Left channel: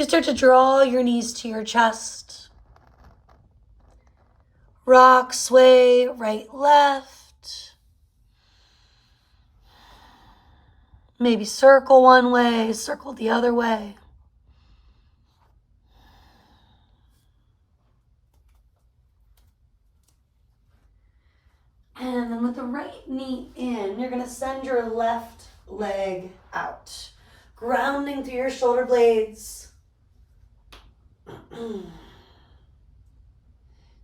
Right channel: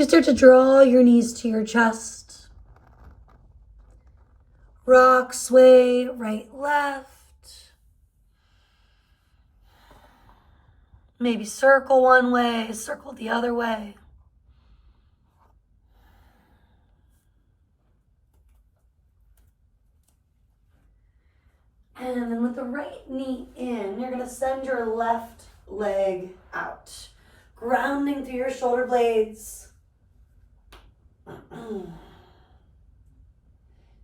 you start to draw your knees to your chest. Rock, sway, right, left. Maybe circle one way, circle the other way. And then with the right knee in, you're going to send your left leg out, grounding through your shoulder blades.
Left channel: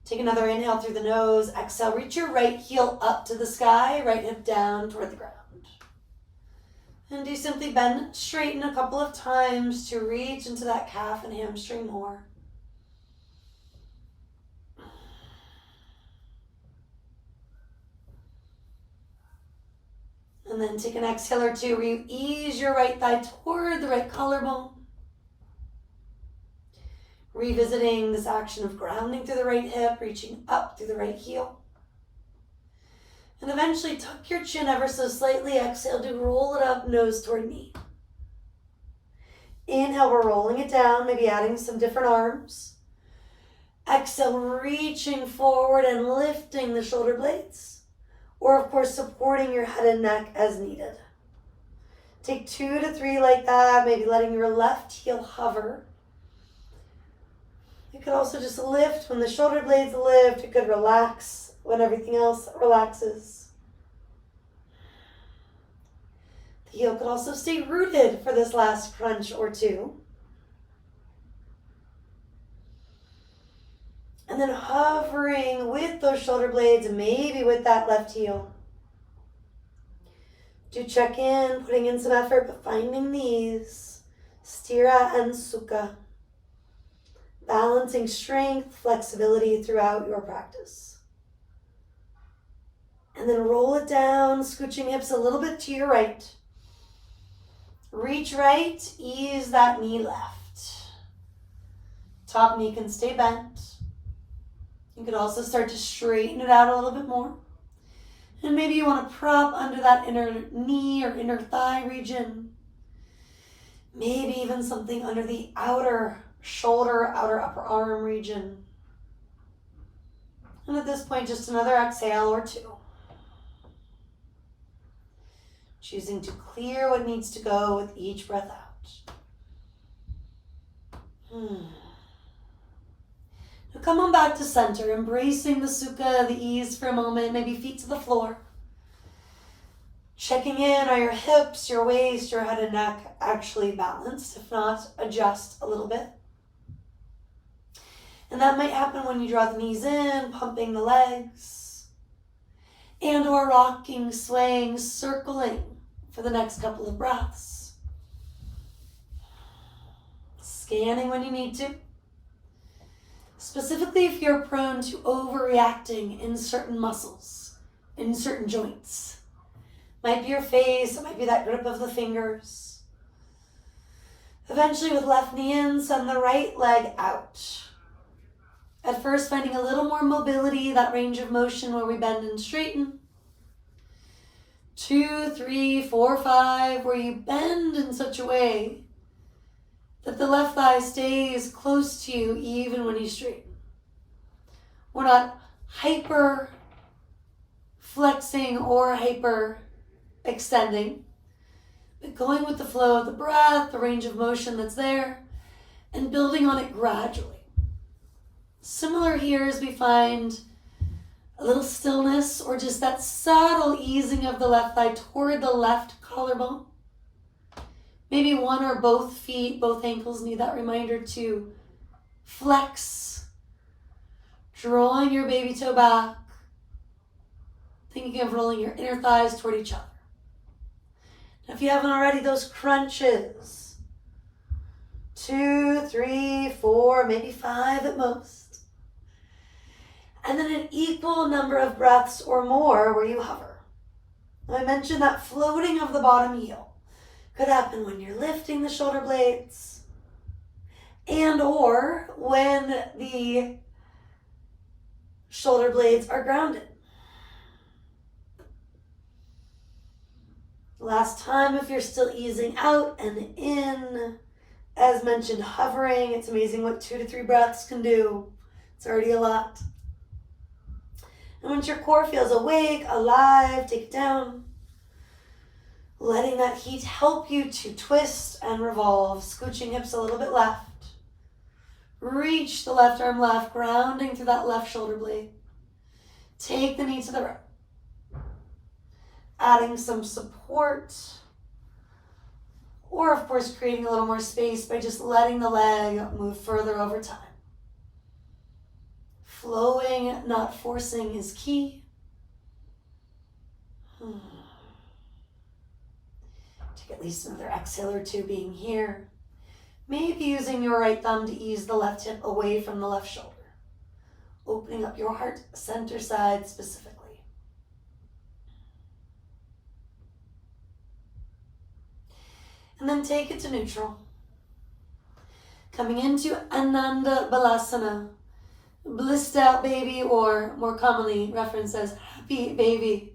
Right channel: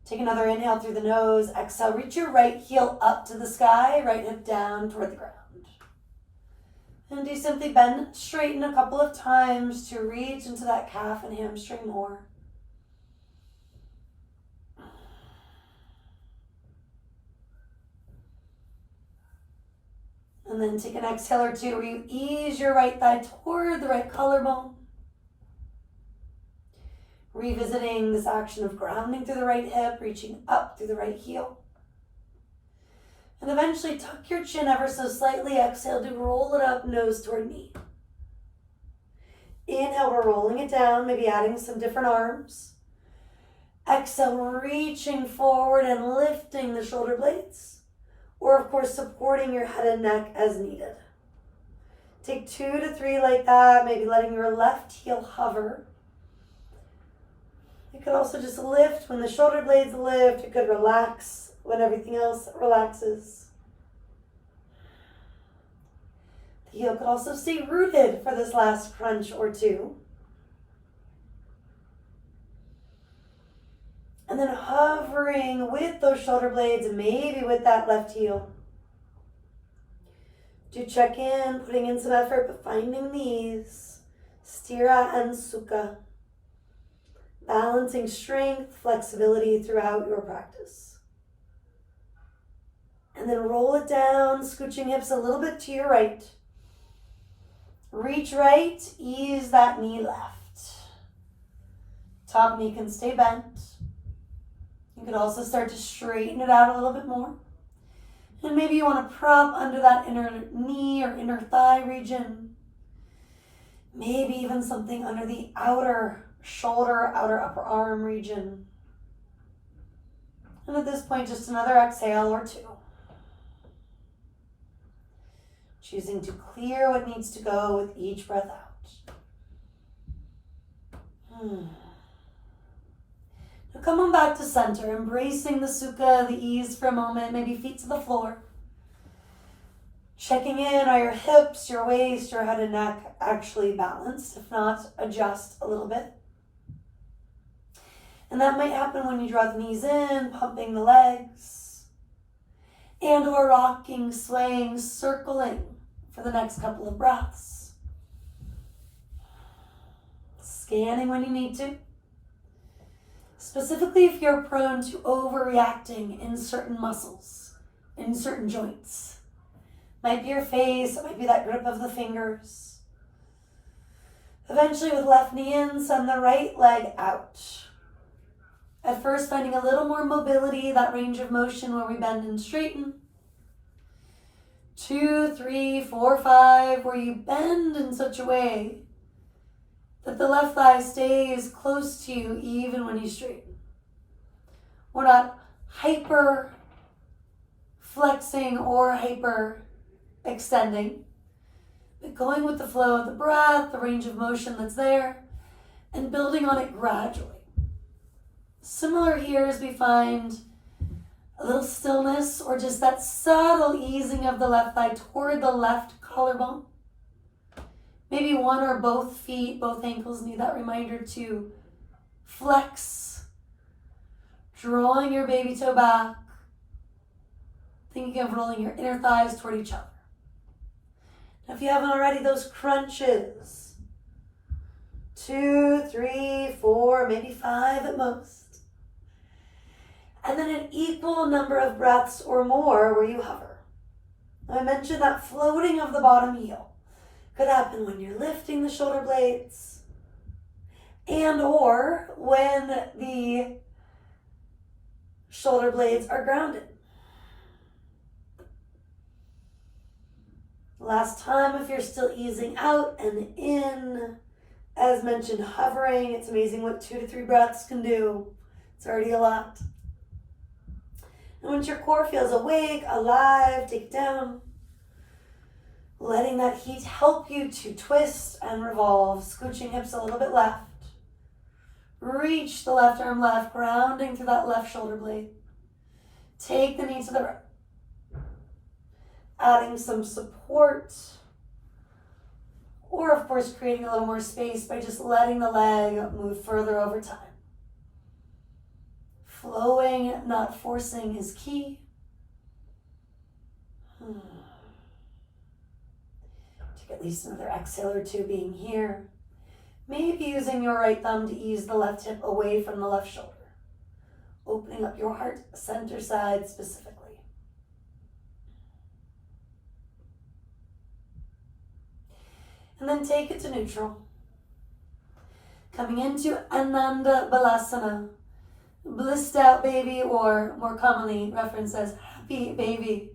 Take another inhale through the nose. Exhale, reach your right heel up to the sky, right hip down toward the ground. And do simply bend, straighten a couple of times to reach into that calf and hamstring more. And then take an exhale or two where you ease your right thigh toward the right collarbone. Revisiting this action of grounding through the right hip, reaching up through the right heel. And eventually tuck your chin ever so slightly. Exhale to roll it up, nose toward knee. Inhale, we're rolling it down, maybe adding some different arms. Exhale, reaching forward and lifting the shoulder blades. Or, of course, supporting your head and neck as needed. Take 2 to 3 like that, maybe letting your left heel hover. You could also just lift when the shoulder blades lift. You could relax when everything else relaxes. The heel could also stay rooted for this last crunch or two. And then hovering with those shoulder blades, maybe with that left heel. Do check in, putting in some effort, but finding these. Sthira and Sukha. Balancing strength, flexibility throughout your practice. And then roll it down, scooching hips a little bit to your right. Reach right, ease that knee left. Top knee can stay bent. You can also start to straighten it out a little bit more. And maybe you want to prop under that inner knee or inner thigh region. Maybe even something under the outer shoulder, outer upper arm region. And at this point, just another exhale or two. Choosing to clear what needs to go with each breath out. Now come on back to center, embracing the Sukha, the ease for a moment, maybe feet to the floor. Checking in, are your hips, your waist, your head and neck actually balanced? If not, adjust a little bit. And that might happen when you draw the knees in, pumping the legs, and or rocking, swaying, circling for the next couple of breaths. Scanning when you need to. Specifically if you're prone to overreacting in certain muscles, in certain joints. Might be your face, it might be that grip of the fingers. Eventually with left knee in, send the right leg out. At first, finding a little more mobility, that range of motion where we bend and straighten. 2, 3, 4, 5, where you bend in such a way that the left thigh stays close to you even when you straighten. We're not hyper flexing or hyper extending, but going with the flow of the breath, the range of motion that's there, and building on it gradually. Similar here as we find a little stillness or just that subtle easing of the left thigh toward the left collarbone. Maybe one or both feet, both ankles need that reminder to flex, drawing your baby toe back, thinking of rolling your inner thighs toward each other. Now, if you haven't already, those crunches, 2, 3, 4, maybe 5 at most. And then an equal number of breaths or more where you hover. I mentioned that floating of the bottom heel could happen when you're lifting the shoulder blades and or when the shoulder blades are grounded. Last time, if you're still easing out and in, As mentioned, hovering. It's amazing what 2 to 3 breaths can do. It's already a lot. And once your core feels awake, alive, take it down. Letting that heat help you to twist and revolve, scooching hips a little bit left. Reach the left arm left, grounding through that left shoulder blade. Take the knee to the right. Adding some support. Or, of course, creating a little more space by just letting the leg move further over time. Flowing, not forcing, is key. Take at least another exhale or two being here. Maybe using your right thumb to ease the left hip away from the left shoulder. Opening up your heart center side specifically. And then take it to neutral. Coming into Ananda Balasana. Blissed out baby, or more commonly referenced as happy baby.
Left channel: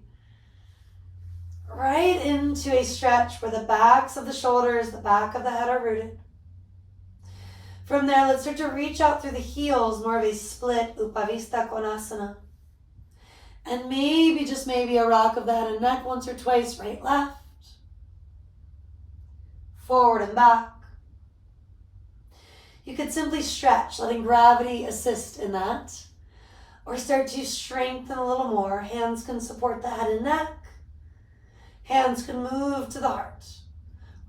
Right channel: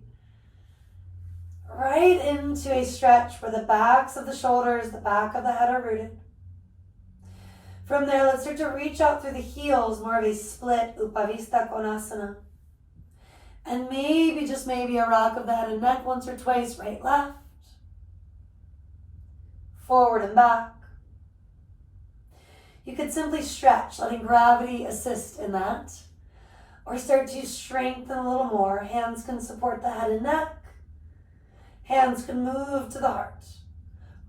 Right into a stretch where the backs of the shoulders, the back of the head are rooted. From there, let's start to reach out through the heels, more of a split Upavista Konasana. And maybe, just maybe, a rock of the head and neck once or twice, right, left. Forward and back. You could simply stretch, letting gravity assist in that. Or start to strengthen a little more. Hands can support the head and neck. Hands can move to the heart.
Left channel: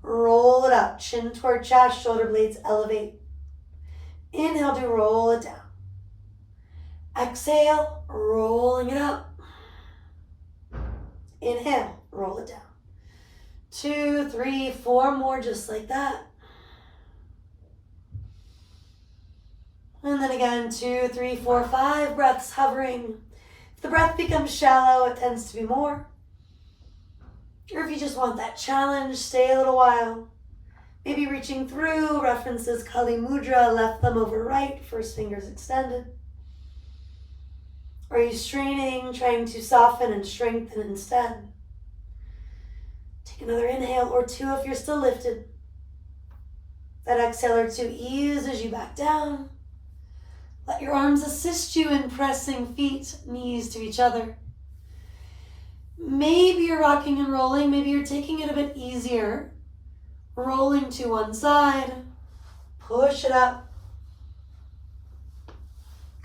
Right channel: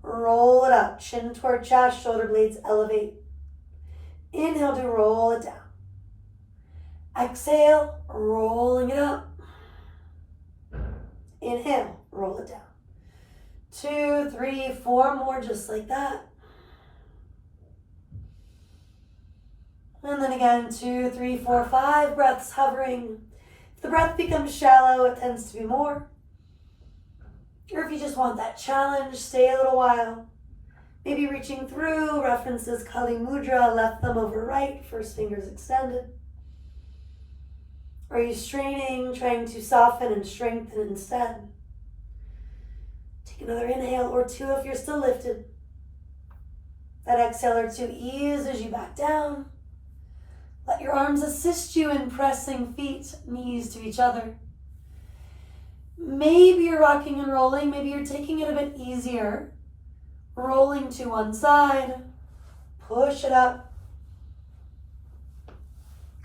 Roll it up, chin toward chest, shoulder blades elevate. Inhale to roll it down. Exhale, rolling it up. Inhale, roll it down. 2, 3, 4 more just like that. And then again, 2, 3, 4, 5 breaths hovering. If the breath becomes shallow, it tends to be more. Or if you just want that challenge, stay a little while. Maybe reaching through, references Kali Mudra, left thumb over right, first fingers extended. Or are you straining, trying to soften and strengthen instead? Take another inhale or two if you're still lifted. That exhale or two, ease as you back down. Let your arms assist you in pressing feet, knees to each other. Maybe you're rocking and rolling, maybe you're taking it a bit easier. Rolling to one side, push it up.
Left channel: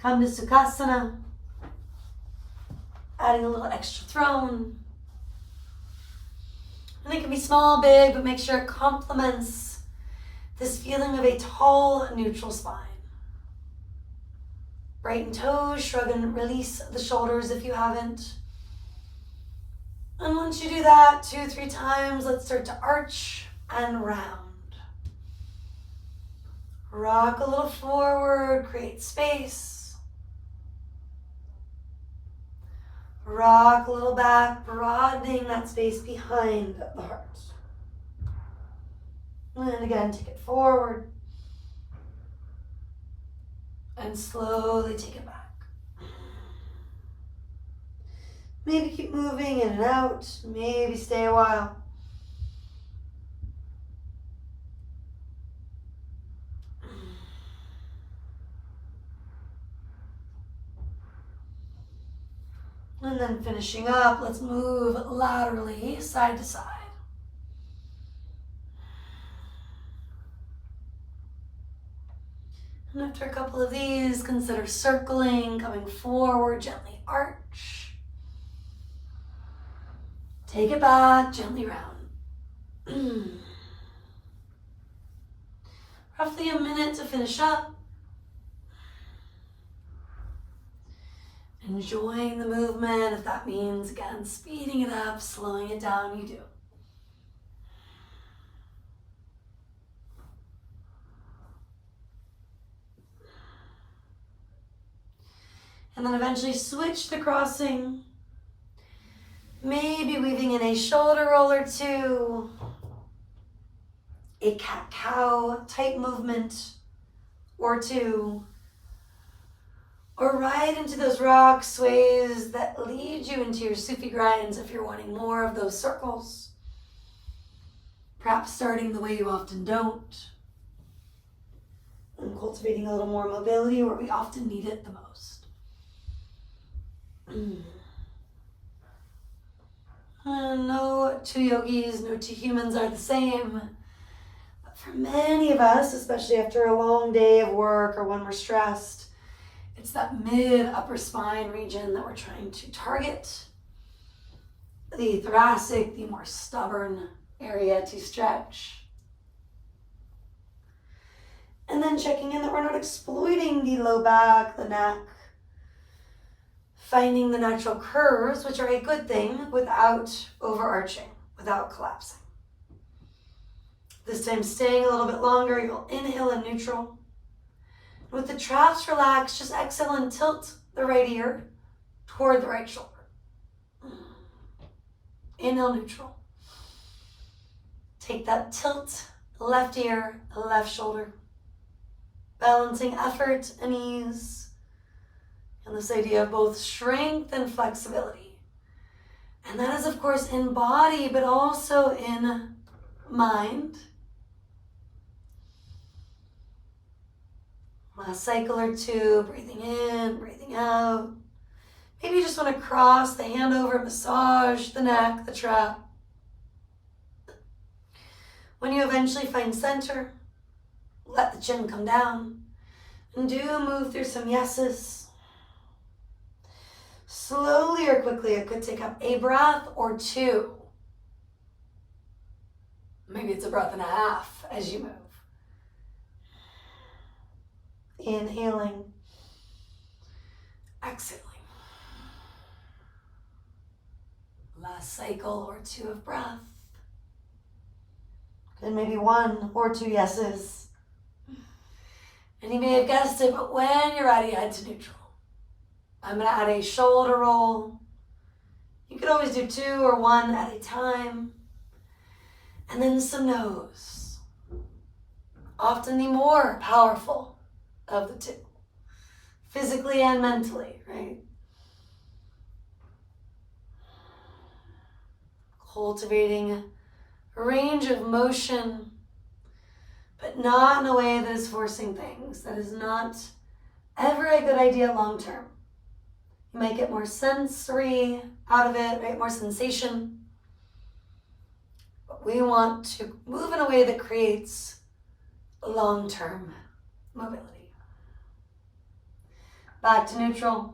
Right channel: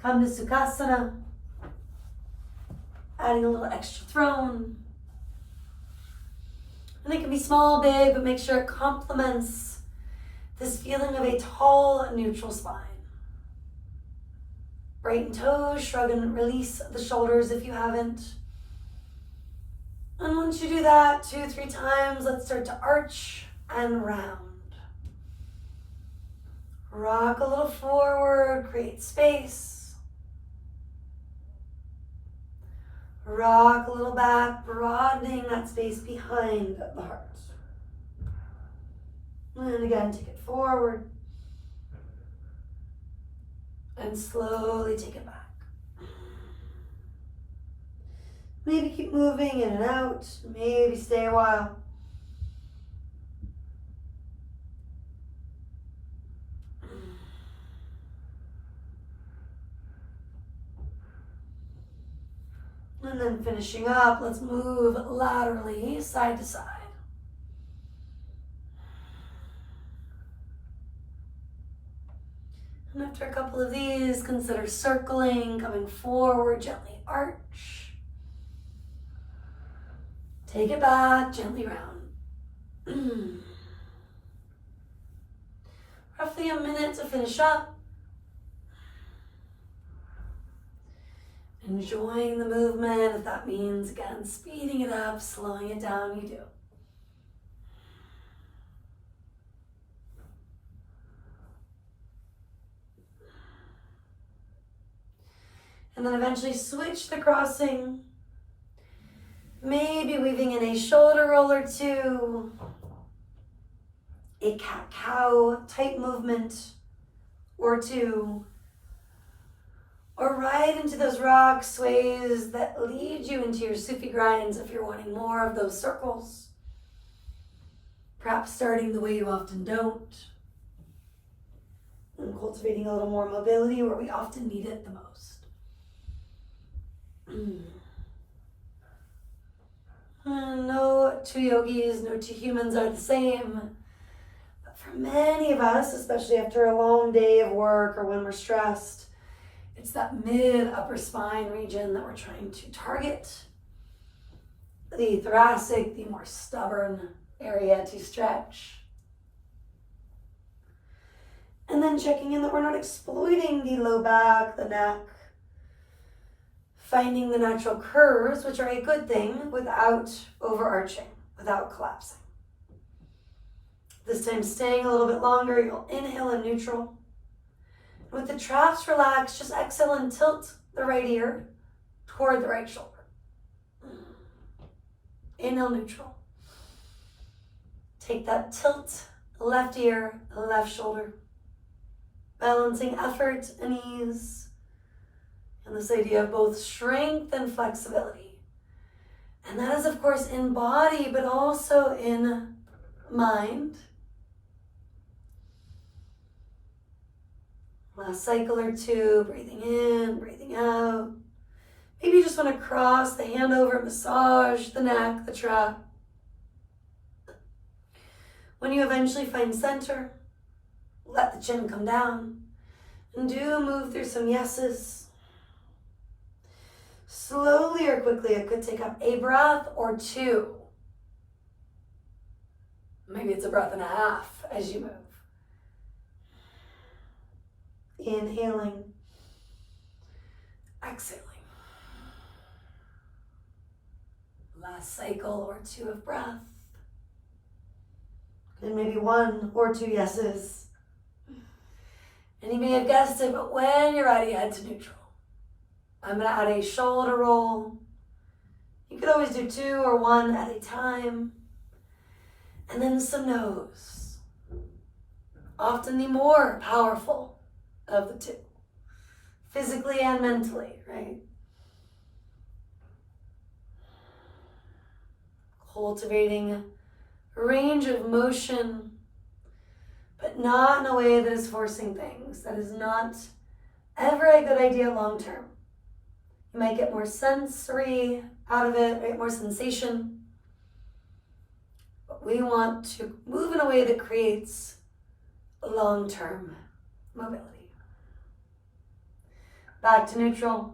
Come to Sukhasana. Adding a little extra throne. And it can be small, big, but make sure it complements this feeling of a tall, neutral spine. Brighten toes, shrug and release the shoulders if you haven't. And once you do that 2, 3 times, let's start to arch and round. Rock a little forward, create space. Rock a little back, broadening that space behind the heart. And again, take it forward. And slowly take it back. Maybe keep moving in and out. Maybe stay a while. And then finishing up, let's move laterally, side to side. And after a couple of these, consider circling, coming forward, gently arch. Take it back, gently round. Roughly a minute to finish up. Enjoying the movement. If that means, again, speeding it up, slowing it down, you do. And then eventually switch the crossing. Maybe weaving in a shoulder roll or two. A cat-cow type movement or two. Or right into those rock sways that lead you into your Sufi grinds if you're wanting more of those circles. Perhaps starting the way you often don't. cultivating a little more mobility where we often need it the most. No two yogis, no two humans are the same. But for many of us, especially after a long day of work or when we're stressed, it's that mid-upper spine region that we're trying to target. The thoracic, the more stubborn area to stretch. And then checking in that we're not exploiting the low back, the neck, finding the natural curves, which are a good thing, without overarching, without collapsing. This time staying a little bit longer, you'll inhale in neutral. With the traps relaxed, just exhale and tilt the right ear toward the right shoulder. Inhale neutral. Take that tilt, left ear, left shoulder. Balancing effort and ease. And this idea of both strength and flexibility. And that is, of course, in body, but also in mind. Last cycle or two, breathing in, breathing out. Maybe you just want to cross the hand over, massage the neck, the trap. When you eventually find center, let the chin come down. And do move through some yeses. Slowly or quickly, it could take up a breath or two. Maybe it's a breath and a half as you move. Inhaling, exhaling. Last cycle or two of breath. And maybe one or two yeses. And you may have guessed it, but when you're ready, head to neutral. I'm going to add a shoulder roll. You could always do two or one at a time. And then some nose. Often the more powerful of the two. Physically and mentally, right? Cultivating a range of motion, but not in a way that is forcing things. That is not ever a good idea long term. You might get more sensory out of it, right? More sensation. But we want to move in a way that creates long-term mobility. Back to neutral.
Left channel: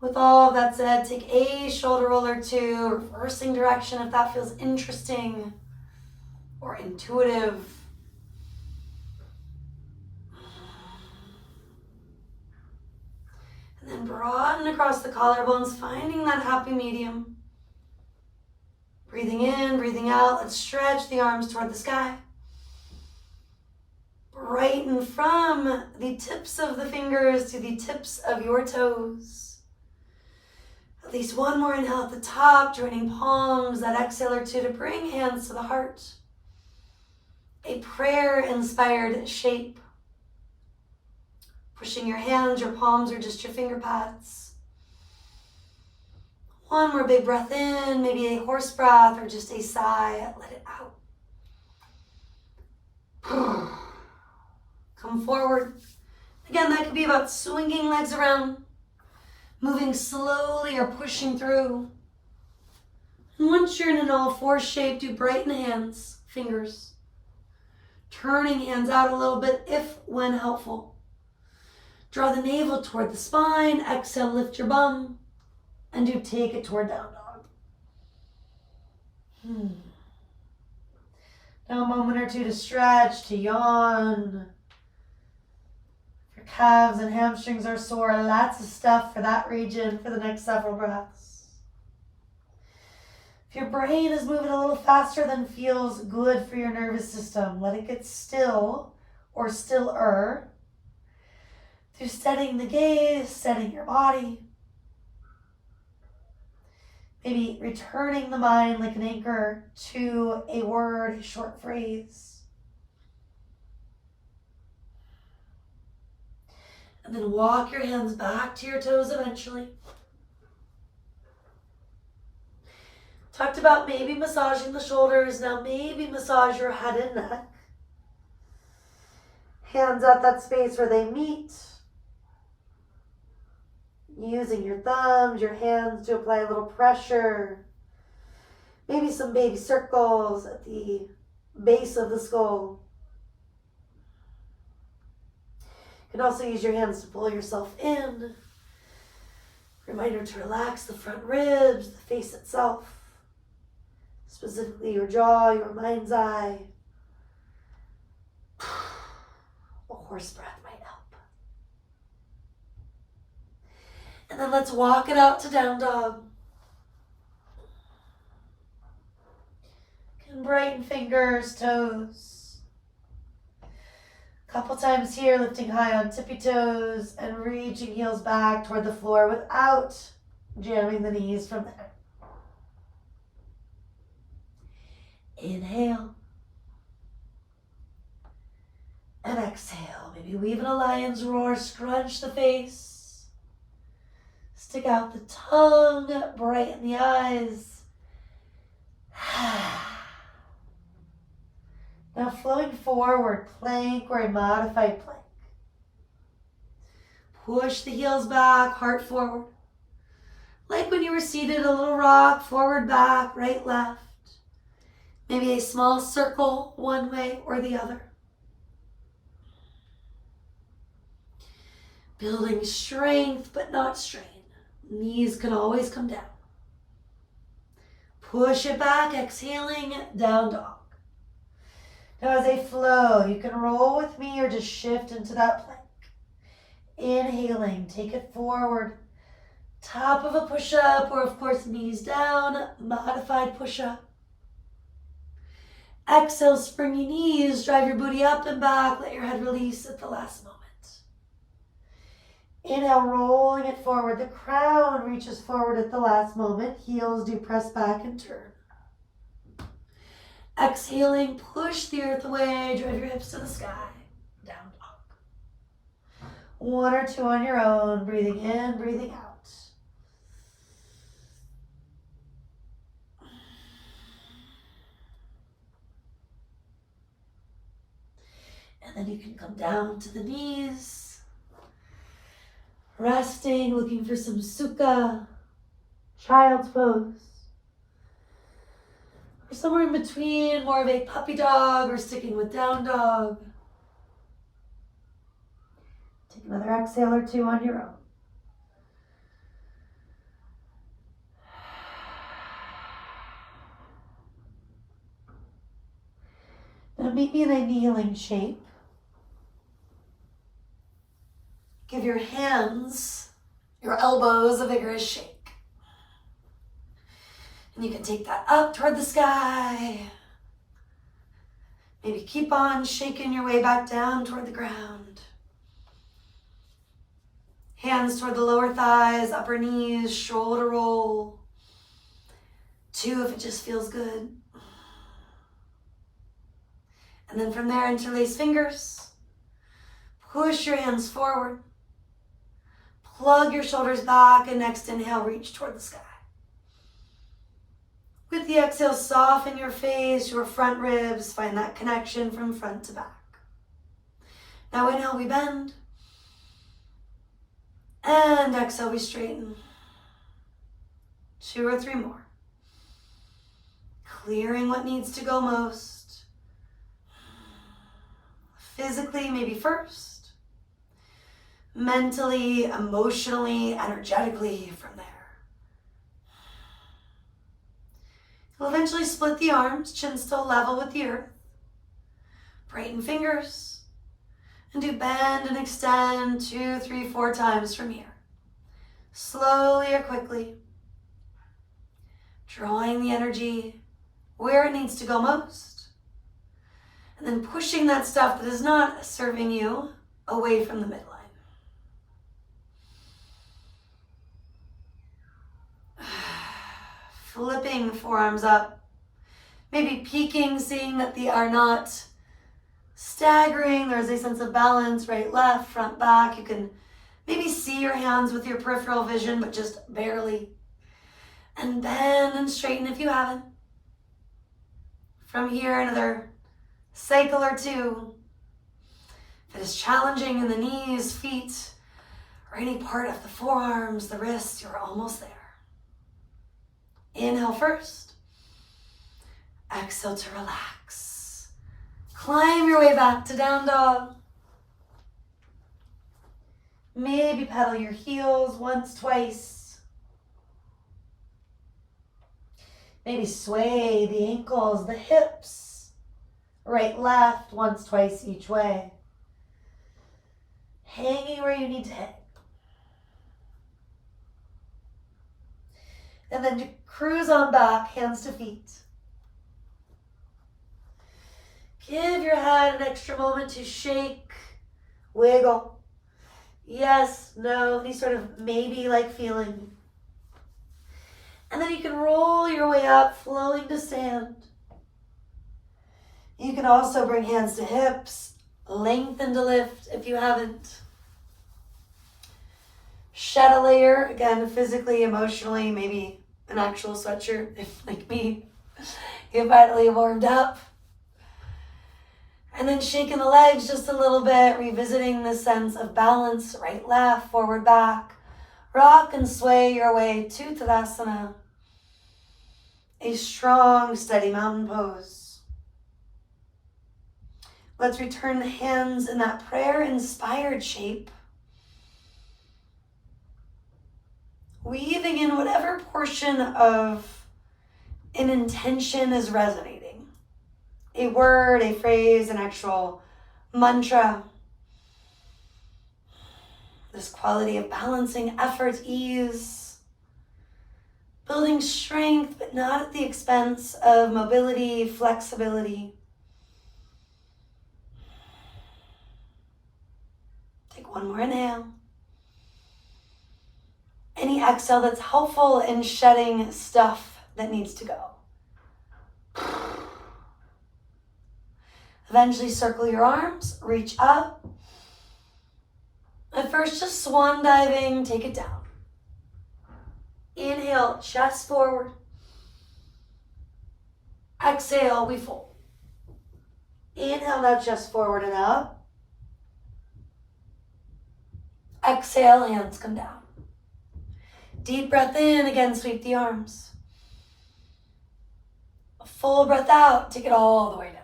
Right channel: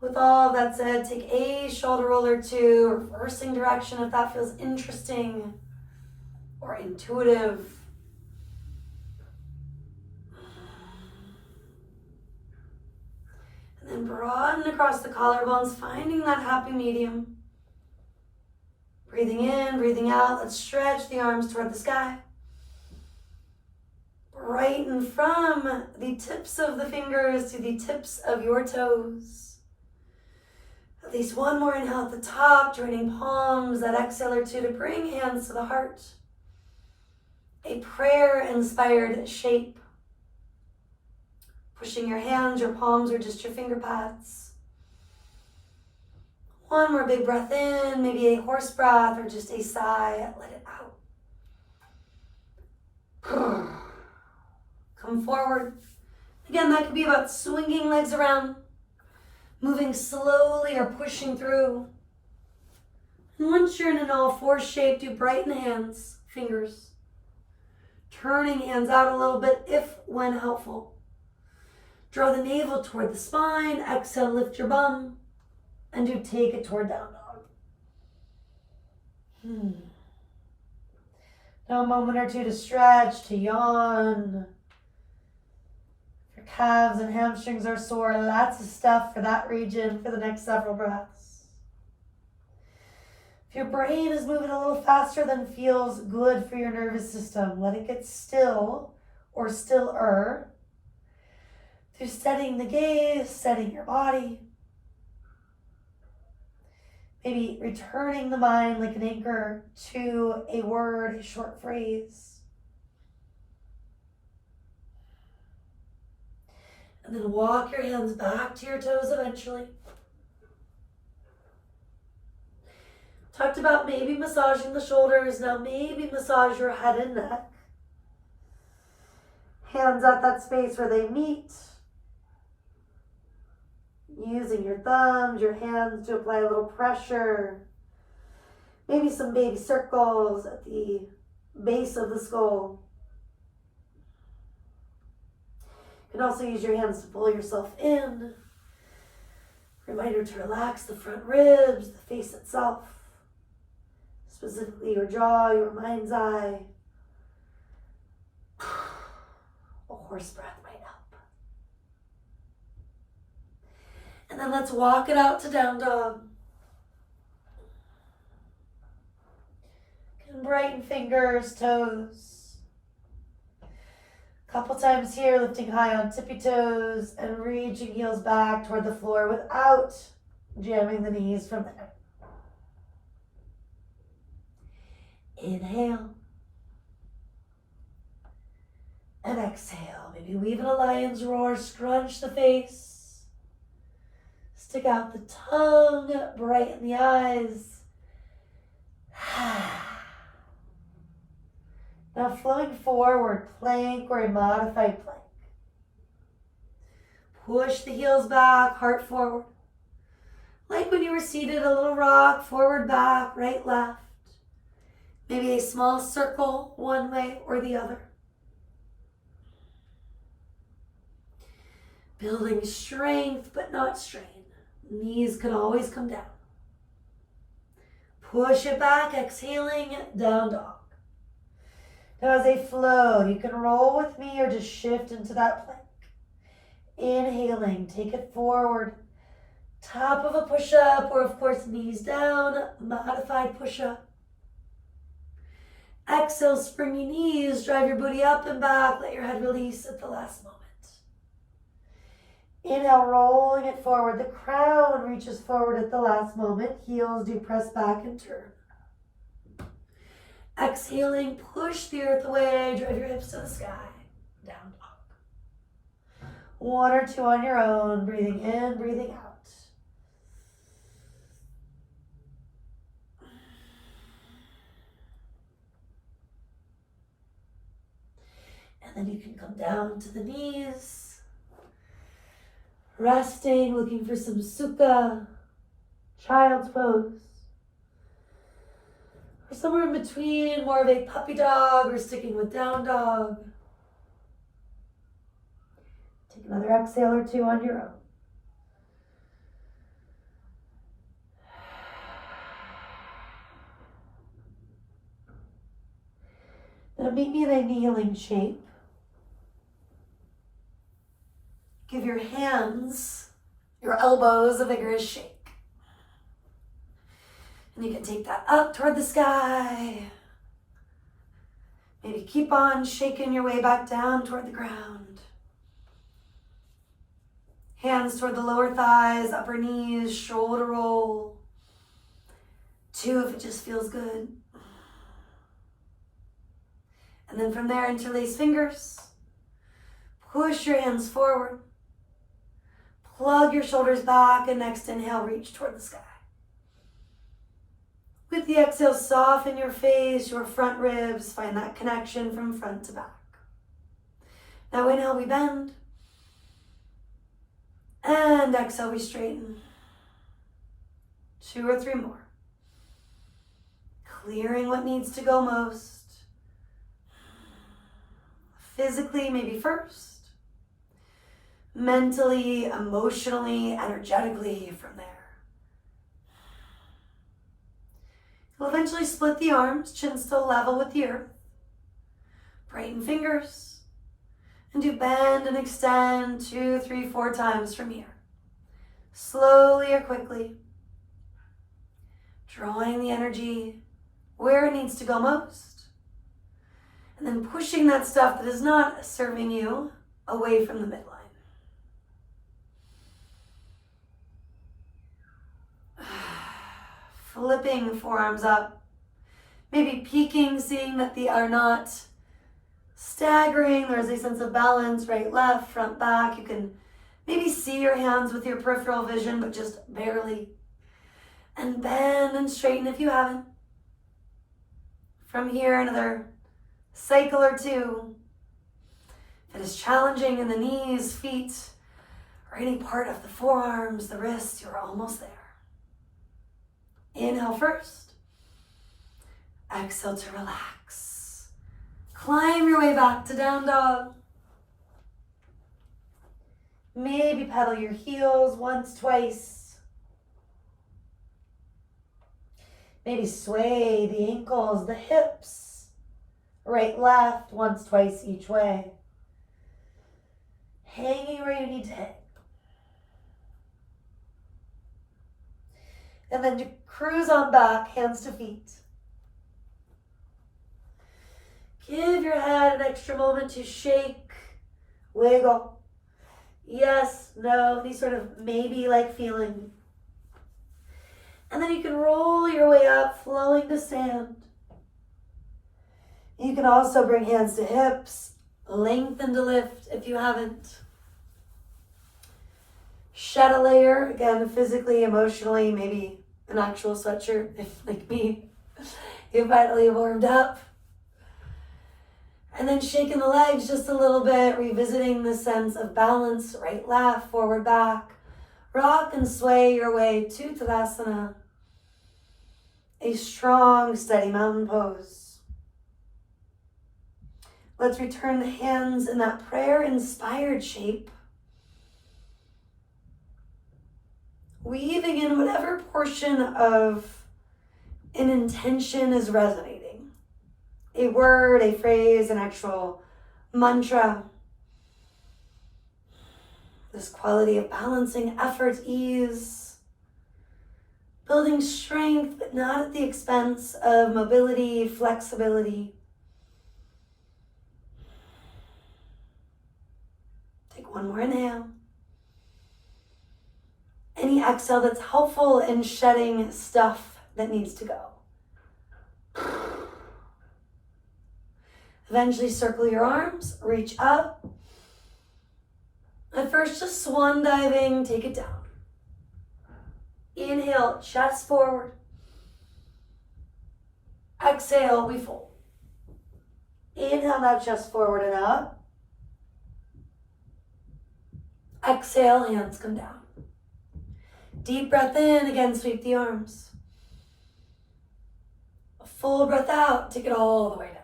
With all of that said, take a shoulder roll or two, reversing direction if that feels interesting or intuitive. And then broaden across the collarbones, finding that happy medium. Breathing in, breathing out. Let's stretch the arms toward the sky. Brighten from the tips of the fingers to the tips of your toes. At least one more inhale at the top, joining palms, that exhale or two to bring hands to the heart. A prayer-inspired shape. Pushing your hands, your palms, or just your finger pads. One more big breath in, maybe a horse breath or just a sigh. Let it out. Come forward. Again, that could be about swinging legs around, moving slowly or pushing through. And once you're in an all four shape, do brighten hands, fingers. Turning hands out a little bit if when helpful. Draw the navel toward the spine. Exhale, lift your bum. And do take it toward down dog. Now a moment or two to stretch, to yawn. If your calves and hamstrings are sore, lots of stuff for that region for the next several breaths. If your brain is moving a little faster than feels good for your nervous system, let it get still or stiller. Through steadying the gaze, steadying your body. Maybe returning the mind like an anchor to a word, a short phrase. And then walk your hands back to your toes eventually. Talked about maybe massaging the shoulders. Now maybe massage your head and neck. Hands at that space where they meet. Using your thumbs, your hands to apply a little pressure. Maybe some baby circles at the base of the skull. You can also use your hands to pull yourself in. Reminder to relax the front ribs, the face itself. Specifically your jaw, your mind's eye. A horse breath might help. And then let's walk it out to down dog. Can brighten fingers, toes. Couple times here, lifting high on tippy toes and reaching heels back toward the floor without jamming the knees from there. Inhale. And exhale. Maybe weave in a lion's roar, scrunch the face. Stick out the tongue, brighten the eyes. Now flowing forward, plank or a modified plank. Push the heels back, heart forward. Like when you were seated, a little rock, forward, back, right, left. Maybe a small circle one way or the other. Building strength but not strain. Knees can always come down. Push it back, exhaling, down dog. Now as they flow, you can roll with me or just shift into that plank. Inhaling, take it forward. Top of a push-up or of course knees down, modified push-up. Exhale, springy knees, drive your booty up and back, let your head release at the last moment. Inhale, rolling it forward. The crown reaches forward at the last moment. Heels do press back and turn. Exhaling, push the earth away, drive your hips to the sky. Down dog. One or two on your own, breathing in, breathing out. And then you can come down to the knees. Resting, looking for some sukha, child's pose. Or somewhere in between, more of a puppy dog or sticking with down dog. Take another exhale or two on your own. Now meet me in a kneeling shape. Give your hands, your elbows a vigorous shake. And you can take that up toward the sky. Maybe keep on shaking your way back down toward the ground. Hands toward the lower thighs, upper knees, shoulder roll. 2 if it just feels good. And then from there, interlace fingers. Push your hands forward. Plug your shoulders back, and next inhale, reach toward the sky. With the exhale, soften your face, your front ribs, find that connection from front to back. Now inhale, we bend. And exhale, we straighten. 2 or 3 more. Clearing what needs to go most. Physically, maybe first. Mentally, emotionally, energetically from there. You'll eventually split the arms, chin still level with the earth. Brighten fingers. And do bend and extend 2, 3, 4 times from here. Slowly or quickly. Drawing the energy where it needs to go most. And then pushing that stuff that is not serving you away from the midline. Flipping forearms up, maybe peeking, seeing that they are not staggering. There's a sense of balance, right, left, front, back. You can maybe see your hands with your peripheral vision, but just barely. And bend and straighten if you haven't. From here, another cycle or 2. If it is challenging in the knees, feet, or any part of the forearms, the wrists, you're almost there. Inhale first. Exhale to relax. Climb your way back to down dog. Maybe pedal your heels once, twice. Maybe sway the ankles, the hips, right, left, once, twice each way. Hanging where you need to hang. And then cruise on back, hands to feet. Give your head an extra moment to shake, wiggle. Yes, no, any sort of maybe-like feeling. And then you can roll your way up, flowing to stand. You can also bring hands to hips, lengthen to lift if you haven't. Shed a layer, again, physically, emotionally, maybe an actual sweatshirt, if like me, you finally warmed up. And then shaking the legs just a little bit, revisiting the sense of balance, right, left, forward, back. Rock and sway your way to Tadasana, a strong, steady mountain pose. Let's return the hands in that prayer-inspired shape. Weaving in whatever portion of an intention is resonating. A word, a phrase, an actual mantra. This quality of balancing effort, ease, building strength, but not at the expense of mobility, flexibility. Take one more inhale. Any exhale that's helpful in shedding stuff that needs to go. Eventually circle your arms, reach up. At first, just swan diving, take it down. Inhale, chest forward. Exhale, we fold. Inhale, now chest forward and up. Exhale, hands come down. Deep breath in, again, sweep the arms. A full breath out, take it all the way down.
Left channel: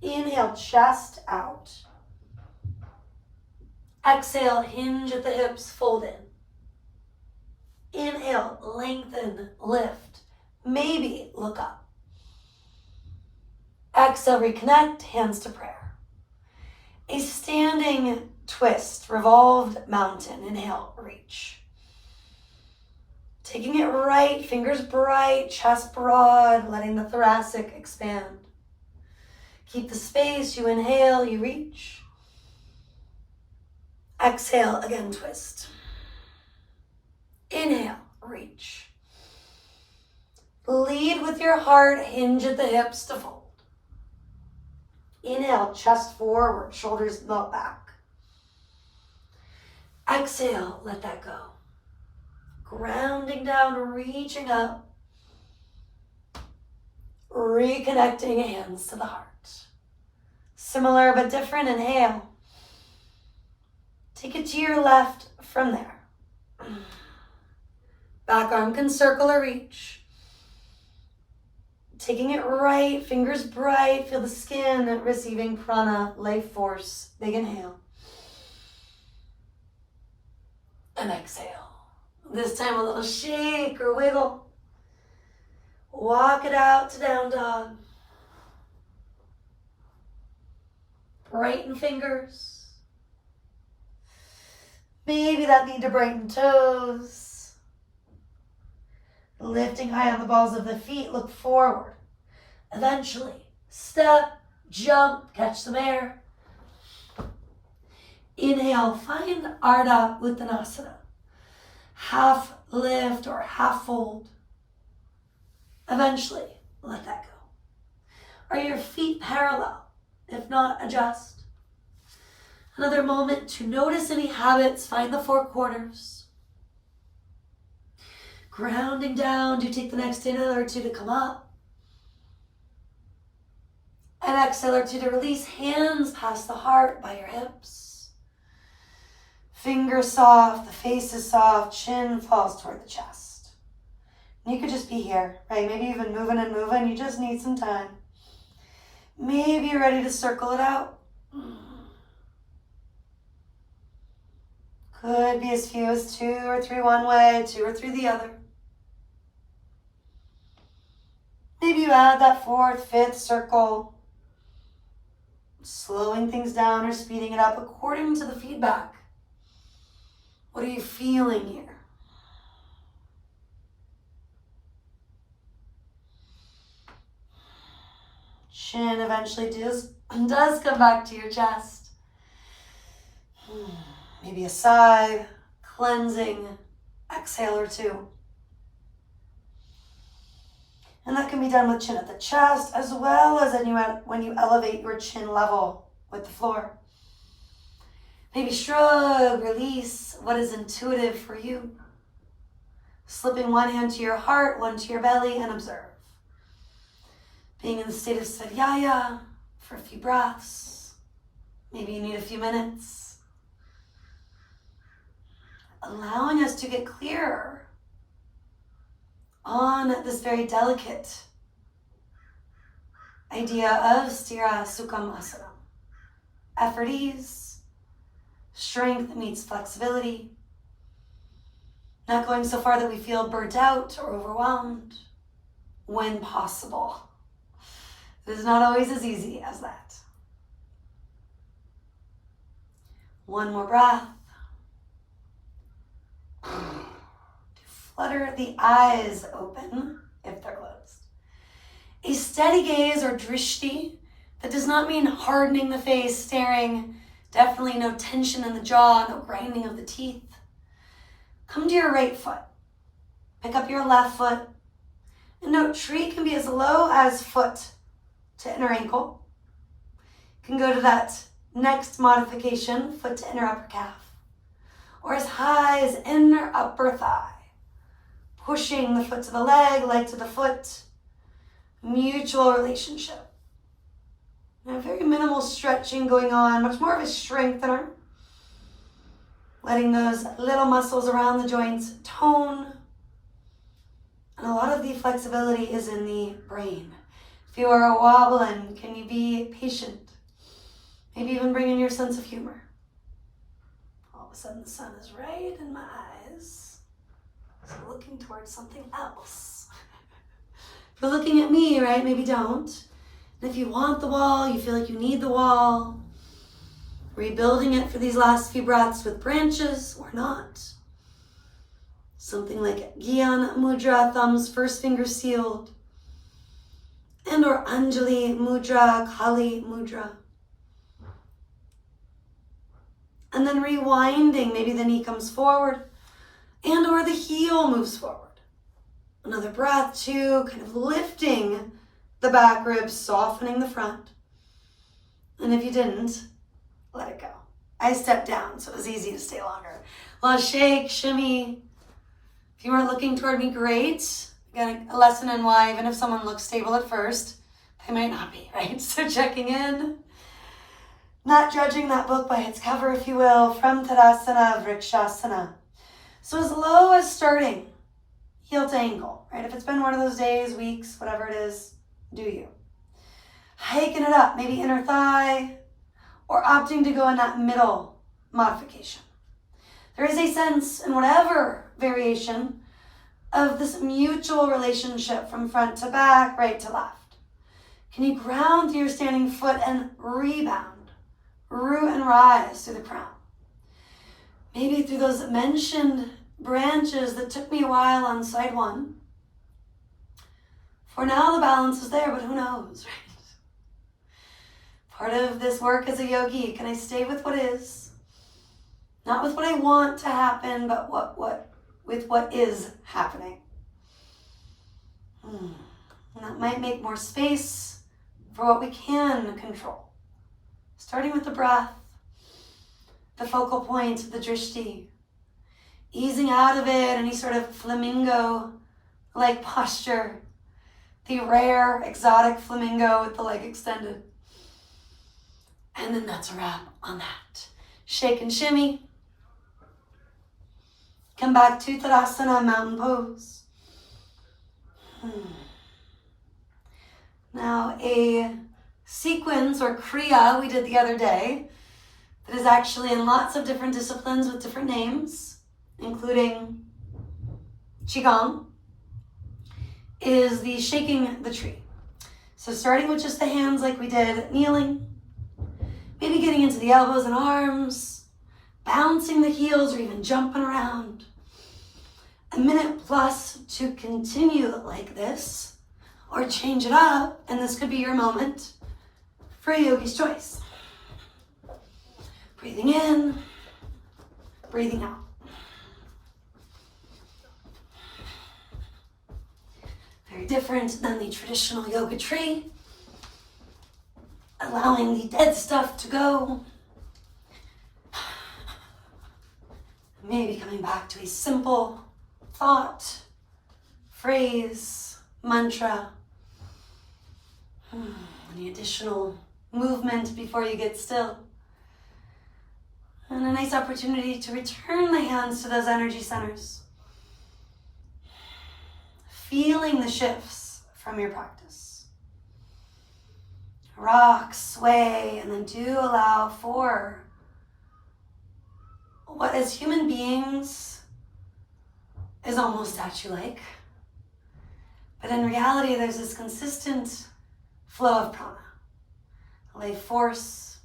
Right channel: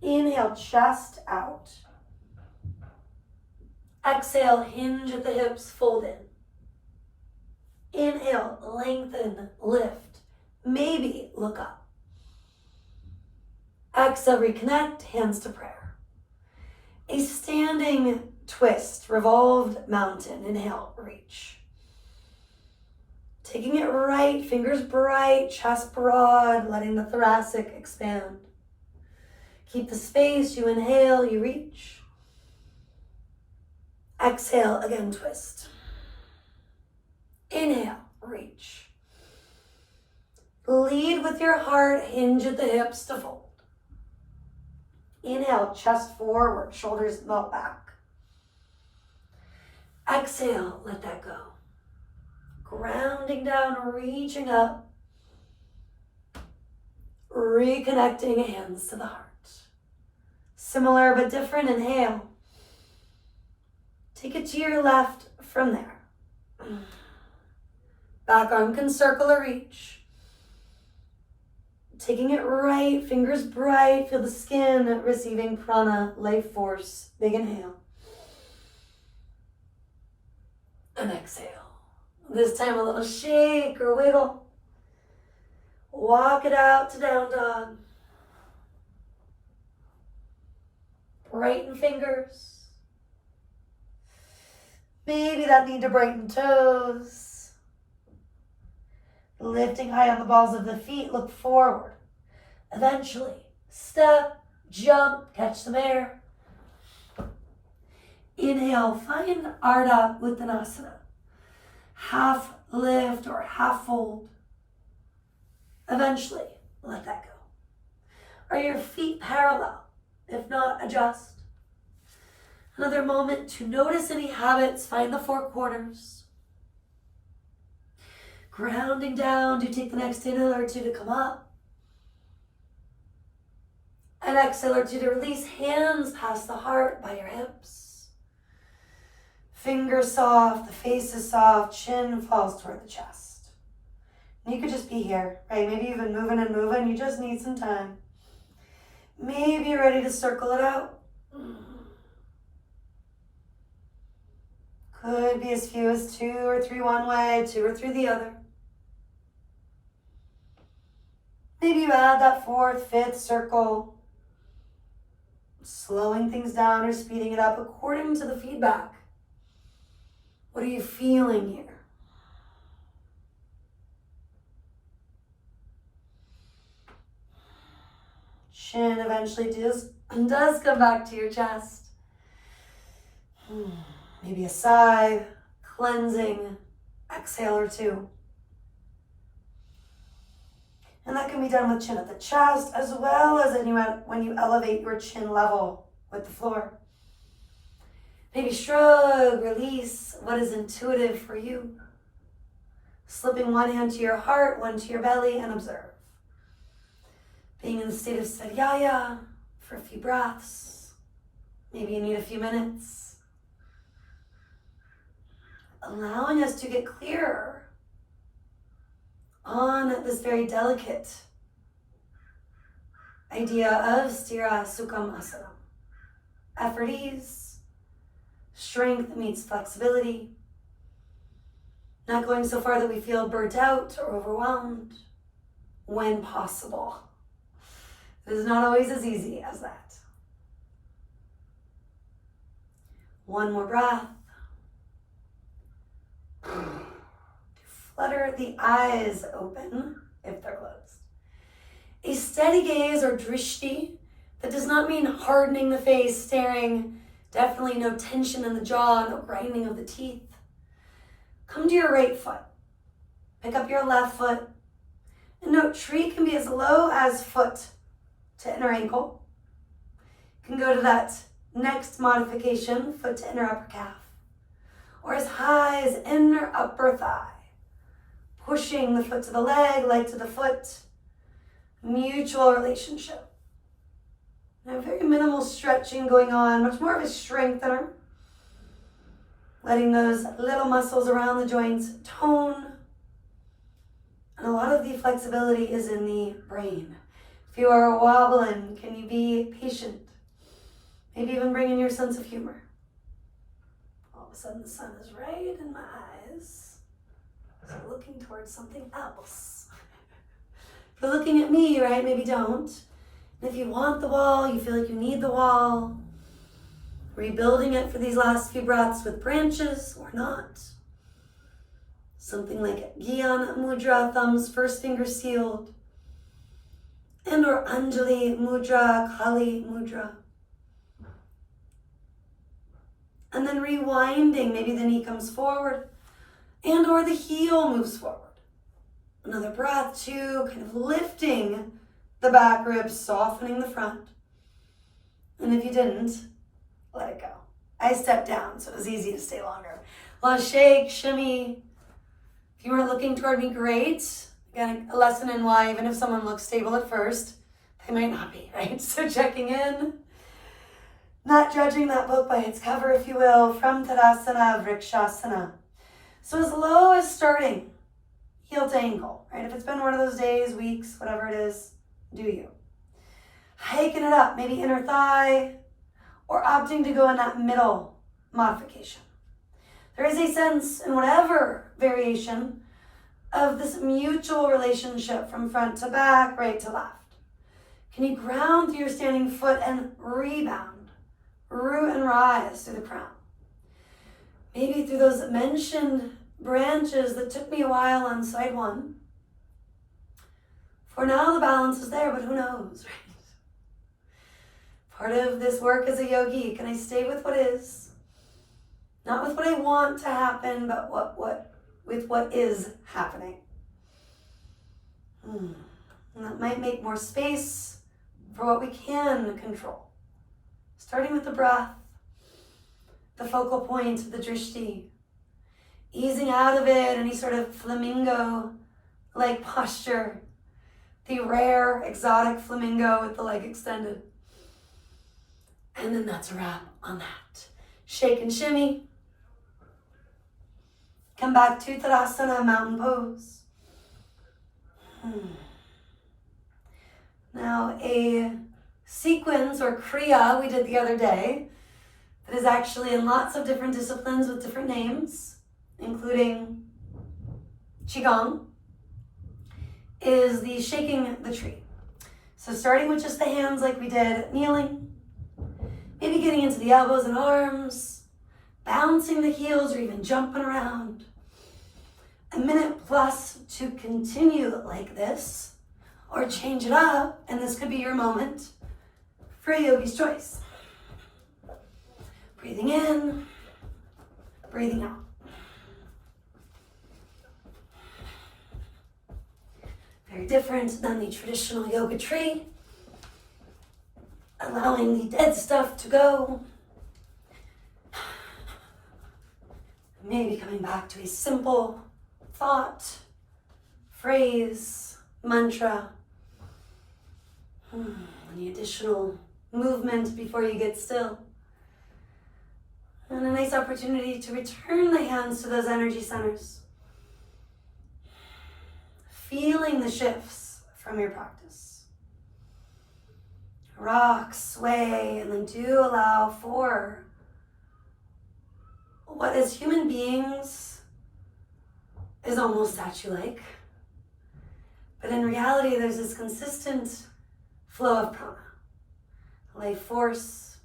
Inhale, chest out. Exhale, hinge at the hips, fold in. Inhale, lengthen, lift. Maybe look up. Exhale, reconnect, hands to prayer. A standing twist, revolved mountain. Inhale, reach. Taking it right, fingers bright, chest broad, letting the thoracic expand. Keep the space, you inhale, you reach. Exhale, again, twist. Inhale, reach. Lead with your heart, hinge at the hips to fold. Inhale, chest forward, shoulders melt back. Exhale, let that go. Grounding down, reaching up. Reconnecting, hands to the heart. Similar but different, inhale. Take it to your left from there. Back arm can circle or reach. Taking it right, fingers bright, feel the skin receiving prana, life force. Big inhale. And exhale. This time a little shake or wiggle. Walk it out to down dog. Brighten fingers. Maybe that need to brighten toes. Lifting high on the balls of the feet, look forward. Eventually, step, jump, catch some air. Inhale, find Ardha Uttanasana. Half lift or half fold. Eventually, let that go. Are your feet parallel? If not, adjust. Another moment to notice any habits, find the four corners. Grounding down, do take the next inhale or two to come up. And exhale or two to release. Hands past the heart by your hips. Fingers soft, the face is soft, chin falls toward the chest. And you could just be here, right? Maybe you've been moving and moving. You just need some time. Maybe you're ready to circle it out. Could be as few as 2 or 3 one way, 2 or 3 the other. Maybe you add that 4th, 5th circle, slowing things down or speeding it up according to the feedback. What are you feeling here? Chin eventually does come back to your chest. Maybe a sigh, cleansing exhale or 2. And that can be done with chin at the chest as well as when you elevate your chin level with the floor. Maybe shrug, release what is intuitive for you. Slipping one hand to your heart, one to your belly, and observe. Being in the state of Svadhyaya for a few breaths. Maybe you need a few minutes. Allowing us to get clearer on this very delicate idea of Sthira Sukham Asana. Effort ease, strength meets flexibility, not going so far that we feel burnt out or overwhelmed when possible. It is not always as easy as that. One more breath. Flutter the eyes open if they're closed. A steady gaze or drishti, that does not mean hardening the face, staring, definitely no tension in the jaw, no grinding of the teeth. Come to your right foot. Pick up your left foot. And note, tree can be as low as foot to inner ankle. You can go to that next modification, foot to inner upper calf. Or as high as inner upper thigh. Pushing the foot to the leg to the foot. Mutual relationship. And very minimal stretching going on, much more of a strengthener. Letting those little muscles around the joints tone. And a lot of the flexibility is in the brain. If you are wobbling, can you be patient? Maybe even bring in your sense of humor. All of a sudden the sun is right in my eyes. So looking towards something else. If you're looking at me, right, maybe don't. And if you want the wall, you feel like you need the wall, rebuilding it for these last few breaths with branches or not. Something like Gyan Mudra, thumbs, first finger sealed. And or Anjali Mudra, Kali Mudra. And then rewinding, maybe the knee comes forward and or the heel moves forward. Another breath, 2, kind of lifting the back ribs, softening the front. And if you didn't, let it go. I stepped down, so it was easy to stay longer. Well, shake, shimmy. If you weren't looking toward me, great. Again, a lesson in why, even if someone looks stable at first, they might not be, right? So checking in. Not judging that book by its cover, if you will, from Tadasana, Vrikshasana. So as low as starting, heel to ankle, right? If it's been one of those days, weeks, whatever it is, do you. Hiking it up, maybe inner thigh, or opting to go in that middle modification. There is a sense in whatever variation of this mutual relationship from front to back, right to left. Can you ground through your standing foot and rebound, root and rise through the crown? Maybe through those mentioned branches that took me a while on side 1. For now, the balance is there, but who knows, right? Part of this work as a yogi, can I stay with what is? Not with what I want to happen, but with what is happening. And that might make more space for what we can control. Starting with the breath, the focal point, the drishti. Easing out of it, any sort of flamingo-like posture. The rare, exotic flamingo with the leg extended. And then that's a wrap on that. Shake and shimmy. Come back to Tadasana, mountain pose. Now a sequence or kriya we did the other day that is actually in lots of different disciplines with different names, including Qigong, is the shaking the tree. So starting with just the hands like we did, kneeling, maybe getting into the elbows and arms, bouncing the heels or even jumping around. A minute plus to continue like this, or change it up, and this could be your moment for yogi's choice. Breathing in, breathing out. Very different than the traditional yoga tree. Allowing the dead stuff to go. Maybe coming back to a simple thought, phrase, mantra. Any additional movement before you get still. And a nice opportunity to return the hands to those energy centers. Feeling the shifts from your practice. Rock, sway, and then do allow for what as human beings is almost statue-like. But in reality, there's this consistent flow of prana, life force,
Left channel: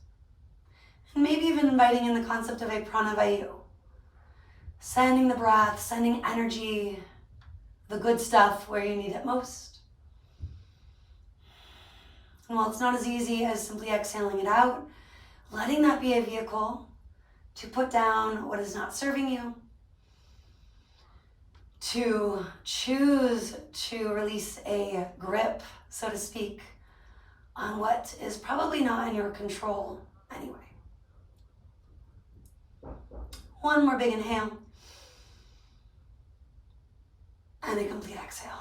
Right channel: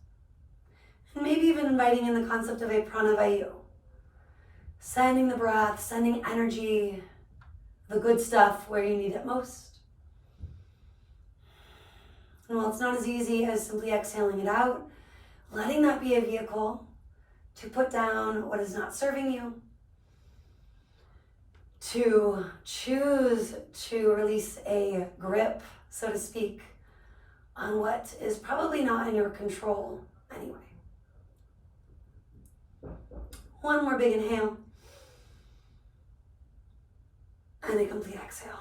and maybe even inviting in the concept of a pranavayu, sending the breath, sending energy, the good stuff where you need it most. And while it's not as easy as simply exhaling it out, letting that be a vehicle to put down what is not serving you, to choose to release a grip, so to speak, on what is probably not in your control anyway. One more big inhale and a complete exhale.